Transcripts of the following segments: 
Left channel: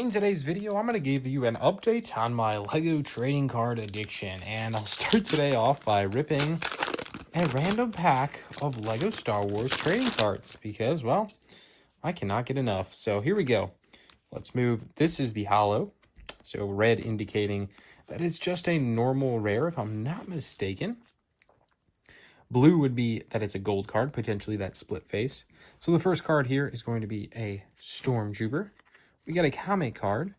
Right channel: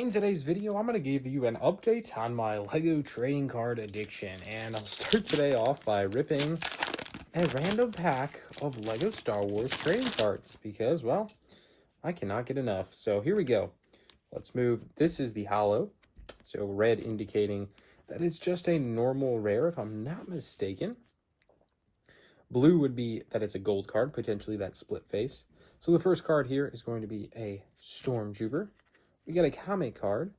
In today's video, I'm going to give you an update on my LEGO trading card addiction, and I'll start today off by ripping a random pack of LEGO Star Wars trading cards because, well, I cannot get enough. So here we go. Let's move. This is the holo, so red indicating that it's just a normal rare if I'm not mistaken. Blue would be that it's a gold card, potentially that split face. So the first card here is going to be a Stormtrooper. We got a comic card.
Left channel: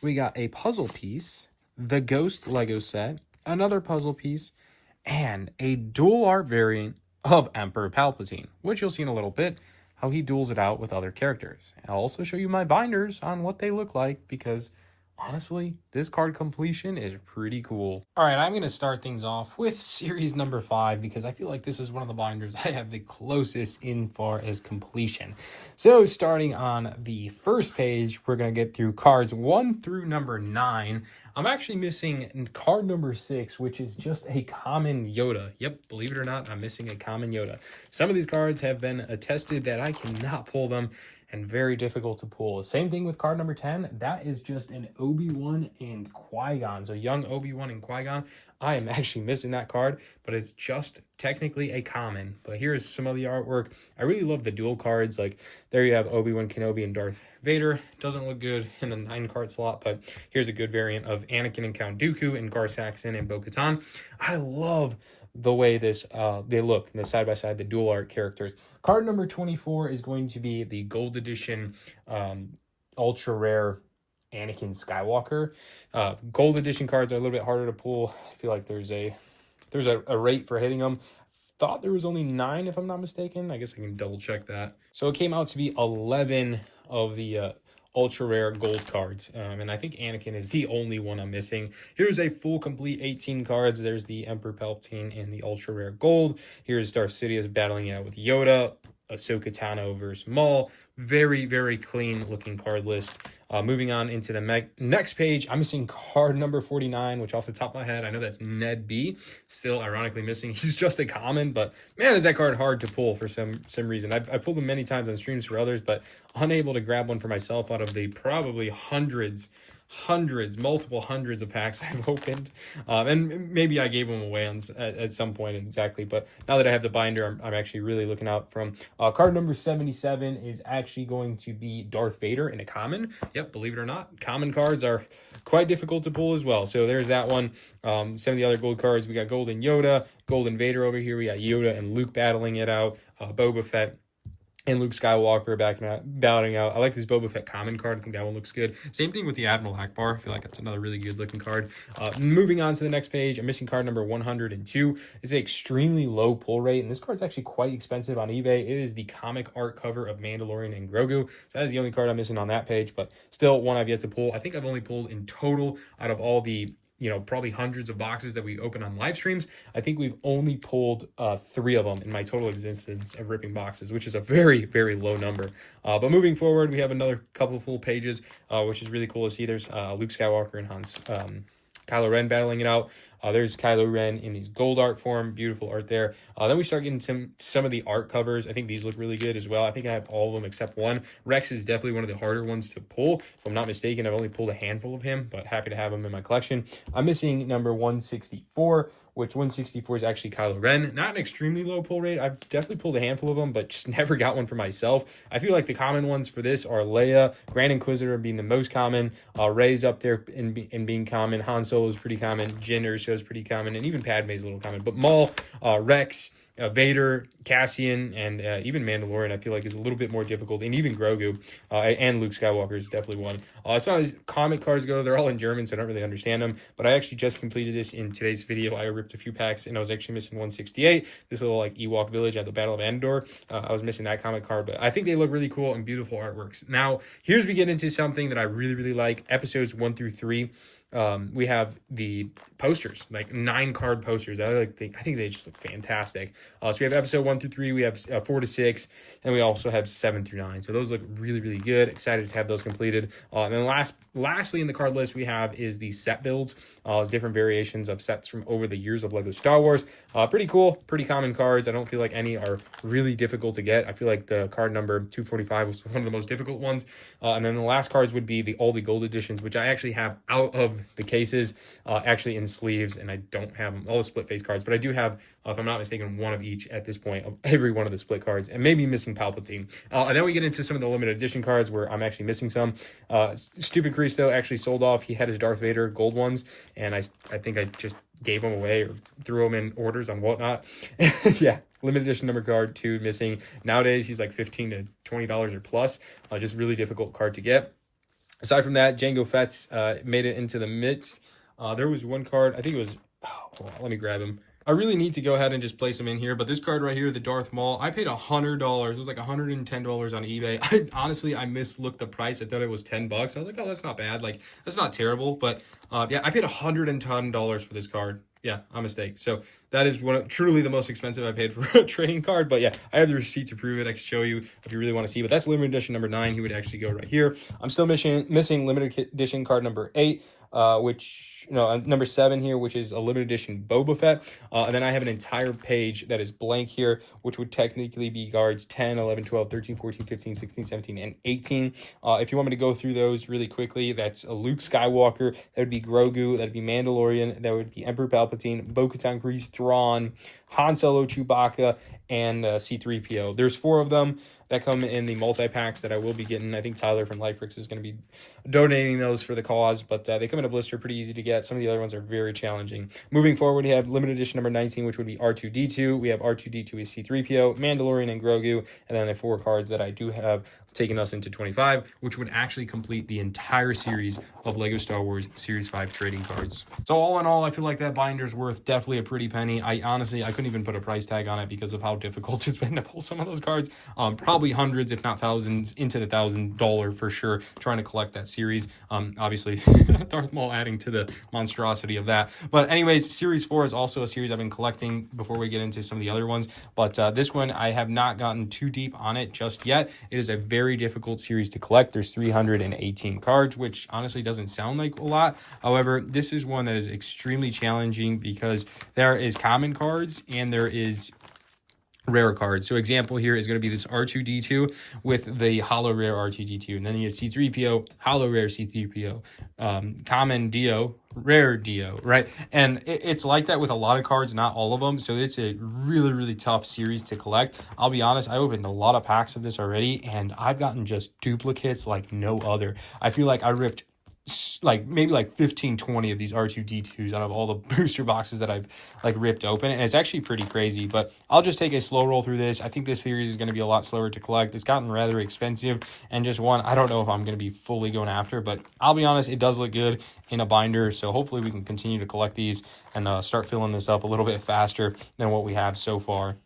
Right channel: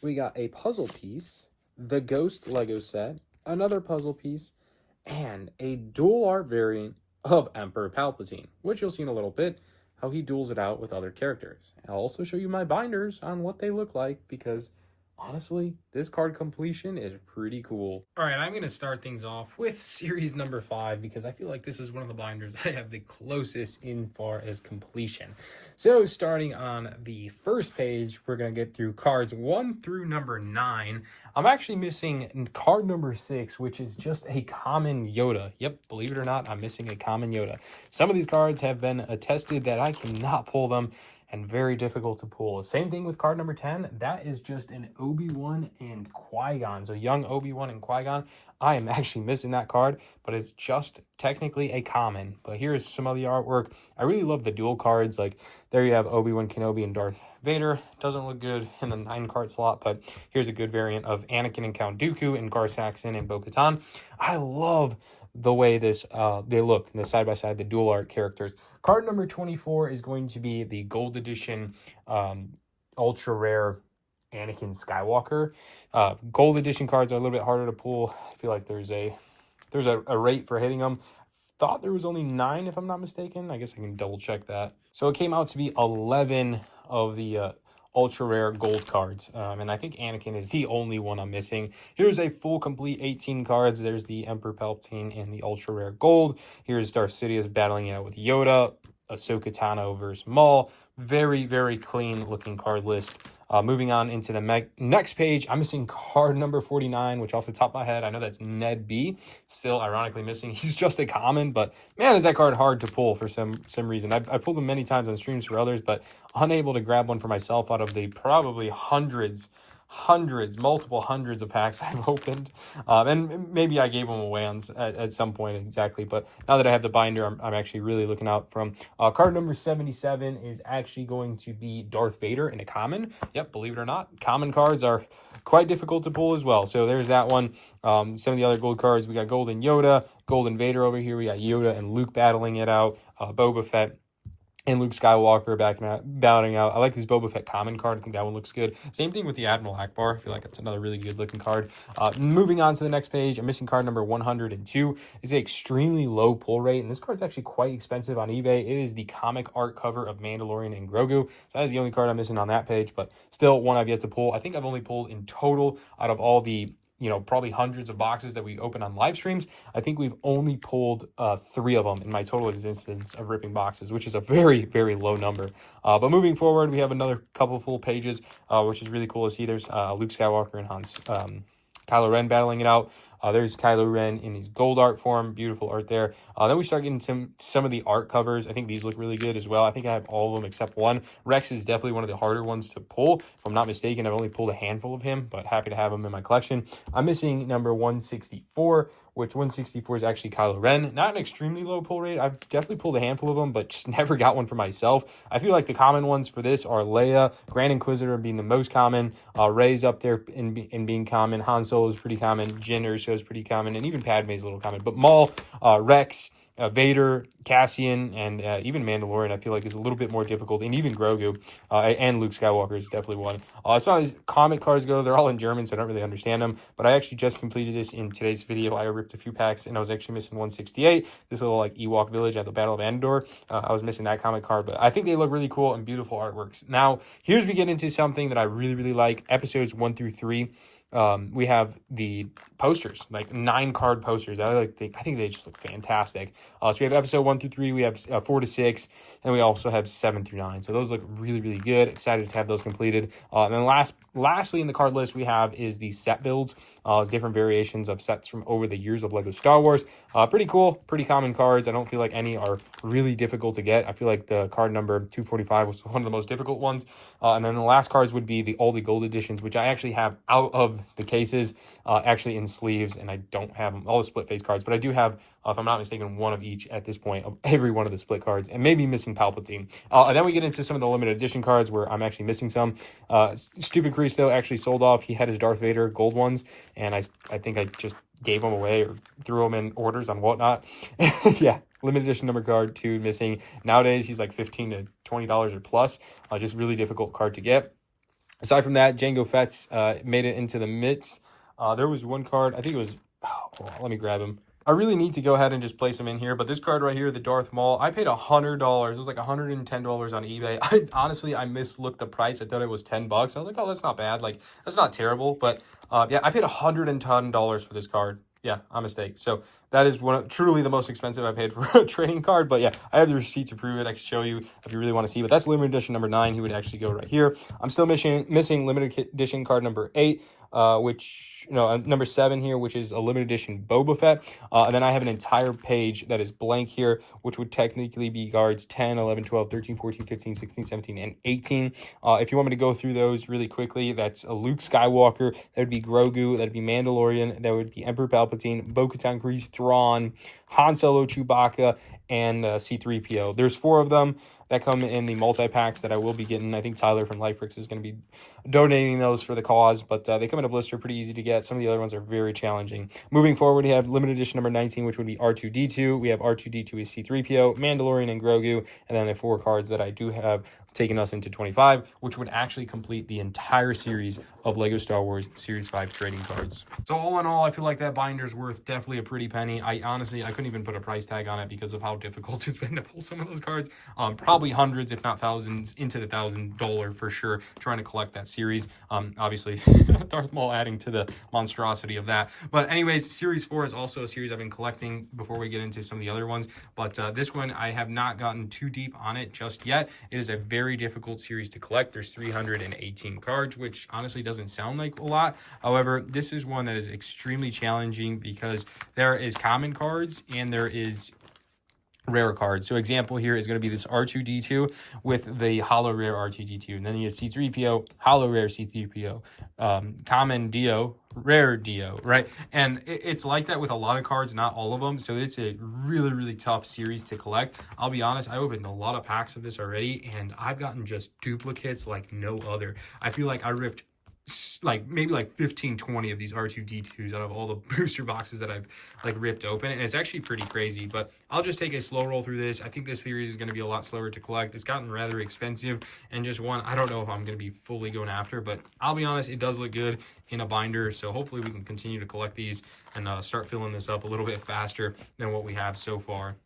We got a puzzle piece, the Ghost Lego set, another puzzle piece, and a dual art variant of Emperor Palpatine, which you'll see in a little bit, how he duels it out with other characters. I'll also show you my binders on what they look like because honestly, this card completion is pretty cool. All right, I'm going to start things off with series number 5 because I feel like this is one of the binders I have the closest in far as completion. So starting on the first page, we're going to get through cards 1 through number 9. I'm actually missing card number 6, which is just a common Yoda. Yep, believe it or not, I'm missing a common Yoda. Some of these cards have been attested that I cannot pull them and very difficult to pull. Same thing with card number 10. That is just an Obi-Wan and Qui-Gon. So young Obi-Wan and Qui-Gon. I am actually missing that card, but it's just technically a common. But here's some of the artwork. I really love the dual cards. Like there you have Obi-Wan Kenobi and Darth Vader. Doesn't look good in the 9-card slot, but here's a good variant of Anakin and Count Dooku and Gar Saxon and Bo-Katan. I love the way this they look in the side by side, the dual art characters. Card number 24 is going to be the gold edition ultra rare Anakin Skywalker. Gold edition cards are a little bit harder to pull. I feel like there's a rate for hitting them. Thought there was only 9 if I'm not mistaken. I guess I can double check that. So it came out to be 11 of the ultra rare gold cards, and I think Anakin is the only one I'm missing. Here's a full complete 18 cards. There's the Emperor Palpatine and the ultra rare gold. Here's Darth Sidious battling it out with Yoda, Ahsoka Tano versus Maul. Very clean looking card list. Moving on into the next page, I'm missing card number 49, which off the top of my head, I know that's Ned B. Still ironically missing. He's just a common, but man, is that card hard to pull for some reason. I've pulled them many times on streams for others, but unable to grab one for myself out of the probably multiple hundreds of packs I've opened. And maybe I gave them away at some point exactly, but now that I have the binder, I'm actually really looking out from. Card number 77 is actually going to be Darth Vader in a common. Yep, believe it or not, common cards are quite difficult to pull as well. So there's that one. Some of the other gold cards, we got Golden Yoda, Golden Vader over here. We got Yoda and Luke battling it out, Boba Fett and Luke Skywalker battling out. I like this Boba Fett common card. I think that one looks good. Same thing with the Admiral Akbar. I feel like that's another really good looking card. Moving on to the next page, I'm missing card number 102. It's an extremely low pull rate, and this card's actually quite expensive on eBay. It is the comic art cover of Mandalorian and Grogu. So that is the only card I'm missing on that page, but still one I've yet to pull. I think I've only pulled in total out of all the probably hundreds of boxes that we open on live streams. I think we've only pulled 3 of them in my total existence of ripping boxes, which is a very low number. But moving forward, we have another couple full pages, which is really cool to see. There's Luke Skywalker and Kylo Ren battling it out. There's Kylo Ren in these gold art form. Beautiful art there. Then we start getting some of the art covers. I think these look really good as well. I think I have all of them except one. Rex is definitely one of the harder ones to pull. If I'm not mistaken, I've only pulled a handful of him, but happy to have him in my collection. I'm missing number 164, which 164 is actually Kylo Ren. Not an extremely low pull rate. I've definitely pulled a handful of them, but just never got one for myself. I feel like the common ones for this are Leia, Grand Inquisitor being the most common, Rey's up there in being common, Han Solo is pretty common, Jyn Erso is pretty common, and even Padme is a little common. But Maul, Rex, Vader, Cassian, and even Mandalorian, I feel like is a little bit more difficult, and even Grogu and Luke Skywalker is definitely one. As far as comic cards go, they're all in German, so I don't really understand them, but I actually just completed this in today's video. I ripped a few packs, and I was actually missing 168, this little like Ewok village at the Battle of Endor. I was missing that comic card, but I think they look really cool and beautiful artworks. Now, here's we get into something that I really like, episodes 1 through 3. we have the posters, like 9-card posters. I think they just look fantastic. So we have episode 1 through 3, we have 4 to 6, and we also have 7 through 9. So those look really, really good. Excited to have those completed. And then lastly in the card list we have is the set builds, different variations of sets from over the years of LEGO Star Wars. Pretty cool, pretty common cards. I don't feel like any are really difficult to get. I feel like the card number 245 was one of the most difficult ones. And then the last cards would be all the gold editions, which I actually have out of the cases, actually in sleeves, and I don't have all the split face cards, but I do have, if I'm not mistaken, one of each at this point of every one of the split cards, and maybe missing Palpatine. And then we get into some of the limited edition cards where I'm actually missing some. Stupid Christo actually sold off. He had his Darth Vader gold ones, and I think I just gave them away or threw them in orders on whatnot. Yeah, limited edition number card 2 missing. Nowadays he's like $15 to $20 or plus. Just really difficult card to get. Aside from that, Jango Fett's made it into the midst. There was one card, I think it was, let me grab him. I really need to go ahead and just place him in here, but this card right here, the Darth Maul, I paid $100. It was like $110 on eBay. Honestly, I mislooked the price. I thought it was $10. I was like, oh, that's not bad. Like, that's not terrible. But yeah, I paid $110 for this card. Yeah, a mistake. So that is truly the most expensive I paid for a trading card. But yeah, I have the receipt to prove it. I can show you if you really want to see. But that's limited edition number 9. He would actually go right here. I'm still missing limited edition card number 8. Number 7 here, which is a limited edition Boba Fett. And then I have an entire page that is blank here, which would technically be cards 10, 11, 12, 13, 14, 15, 16, 17, and 18. If you want me to go through those really quickly, that's a Luke Skywalker, that would be Grogu, that would be Mandalorian, that would be Emperor Palpatine, Bo-Katan, Grease, Thrawn, Han Solo, Chewbacca, and C-3PO. There's 4 of them that come in the multi-packs that I will be getting. I think Tyler from LifeBricks is going to be donating those for the cause, but they come in a blister, pretty easy to get. Some of the other ones are very challenging. Moving forward, we have limited edition number 19, which would be R2-D2. We have R2-D2 as C-3PO, Mandalorian, and Grogu, and then the 4 cards that I do have taking us into 25, which would actually complete the entire series of LEGO Star Wars Series 5 trading cards. So all in all, I feel like that binder's worth definitely a pretty penny. I couldn't even put a price tag on it because of how difficult it's been to pull some of those cards. Probably hundreds, if not thousands, into the $1,000 for sure, trying to collect that series. Obviously, Darth Maul adding to the monstrosity of that. But anyways, Series 4 is also a series I've been collecting before we get into some of the other ones. But this one, I have not gotten too deep on it just yet. It is a very difficult series to collect. There's 318 cards, which honestly doesn't sound like a lot. However, this is one that is extremely challenging because there is common cards and there is rare cards. So example here is going to be this R2-D2 with the holo rare R2-D2, and then you have C-3PO, holo rare C-3PO, common Dio, rare Dio, right? And it's like that with a lot of cards, not all of them. So it's a really, really tough series to collect. I'll be honest, I opened a lot of packs of this already, and I've gotten just duplicates like no other. I feel like I ripped maybe 15-20 of these R2-D2s out of all the booster boxes that I've ripped open, and it's actually pretty crazy. But I'll just take a slow roll through this. I think this series is going to be a lot slower to collect. It's gotten rather expensive, and just one I don't know if I'm going to be fully going after, but I'll be honest, it does look good in a binder. So hopefully we can continue to collect these and start filling this up a little bit faster than what we have so far.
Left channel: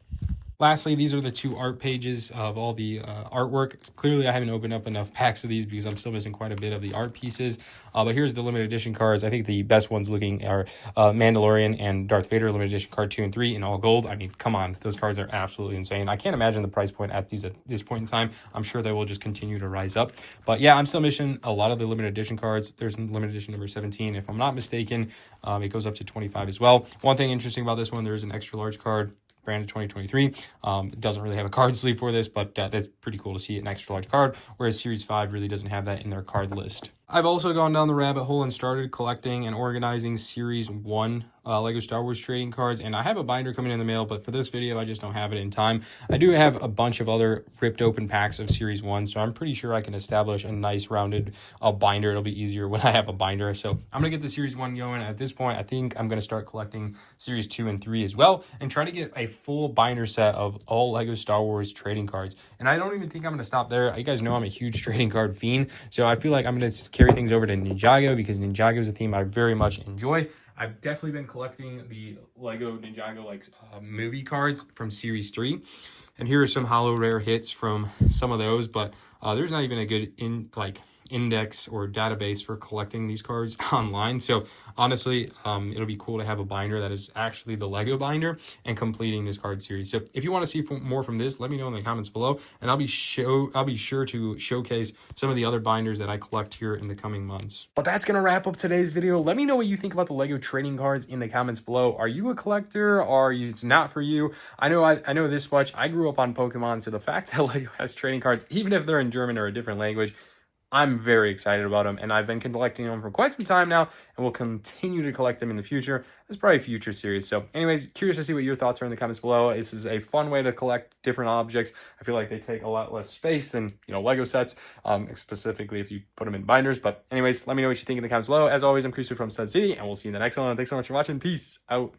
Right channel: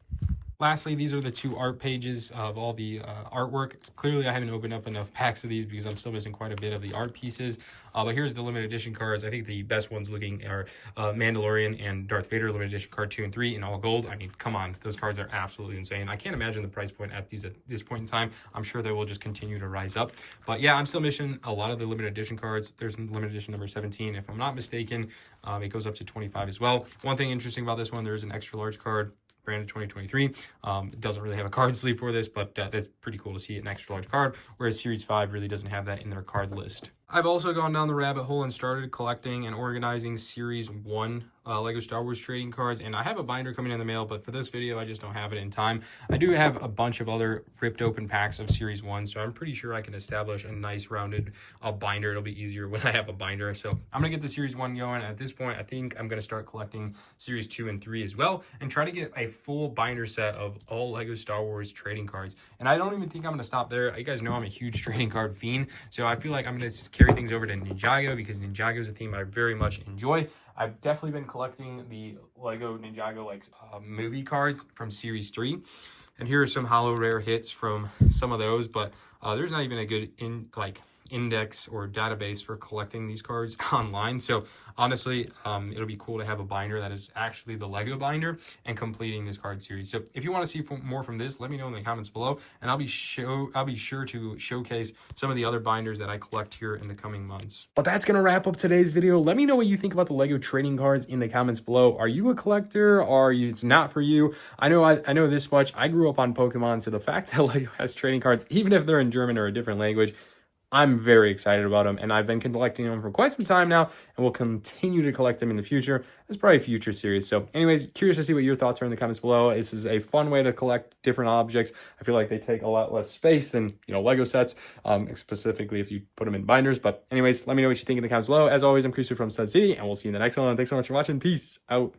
Lastly, these are the 2 art pages of all the artwork. Clearly, I haven't opened up enough packs of these because I'm still missing quite a bit of the art pieces. But here's the limited edition cards. I think the best ones looking are Mandalorian and Darth Vader limited edition card 2 and 3 in all gold. I mean, come on. Those cards are absolutely insane. I can't imagine the price point at this point in time. I'm sure they will just continue to rise up. But yeah, I'm still missing a lot of the limited edition cards. There's limited edition number 17. If I'm not mistaken, it goes up to 25 as well. One thing interesting about this one, there's an extra large card, branded 2023. It doesn't really have a card sleeve for this, but that's pretty cool to see an extra large card, whereas Series 5 really doesn't have that in their card list. I've also gone down the rabbit hole and started collecting and organizing Series 1 LEGO Star Wars trading cards, and I have a binder coming in the mail, but for this video, I just don't have it in time. I do have a bunch of other ripped open packs of Series 1, so I'm pretty sure I can establish a nice rounded binder. It'll be easier when I have a binder, so I'm going to get the Series 1 going. At this point, I think I'm going to start collecting Series 2 and 3 as well, and try to get a full binder set of all LEGO Star Wars trading cards. And I don't even think I'm going to stop there. You guys know I'm a huge trading card fiend, so I feel like I'm going to carry things over to Ninjago because Ninjago is a theme I very much enjoy. I've definitely been collecting the LEGO Ninjago movie cards from Series 3. And here are some holo rare hits from some of those, but there's not even a good index or database for collecting these cards online. So honestly, it'll be cool to have a binder that is actually the Lego binder and completing this card series. So if you want to see more from this, let me know in the comments below, and I'll be sure to showcase some of the other binders that I collect here in the coming months. But that's gonna wrap up today's video. Let me know what you think about the Lego trading cards in the comments below. Are you a collector? Or it's not for you? I know this much. I grew up on Pokemon, so the fact that Lego has trading cards, even if they're in German or a different language, I'm very excited about them, and I've been collecting them for quite some time now, and will continue to collect them in the future. It's probably a future series. So anyways, curious to see what your thoughts are in the comments below. This is a fun way to collect different objects. I feel like they take a lot less space than, Lego sets, specifically if you put them in binders. But anyways, let me know what you think in the comments below. As always, I'm Christopher from Stud City, and we'll see you in the next one. Thanks so much for watching. Peace out.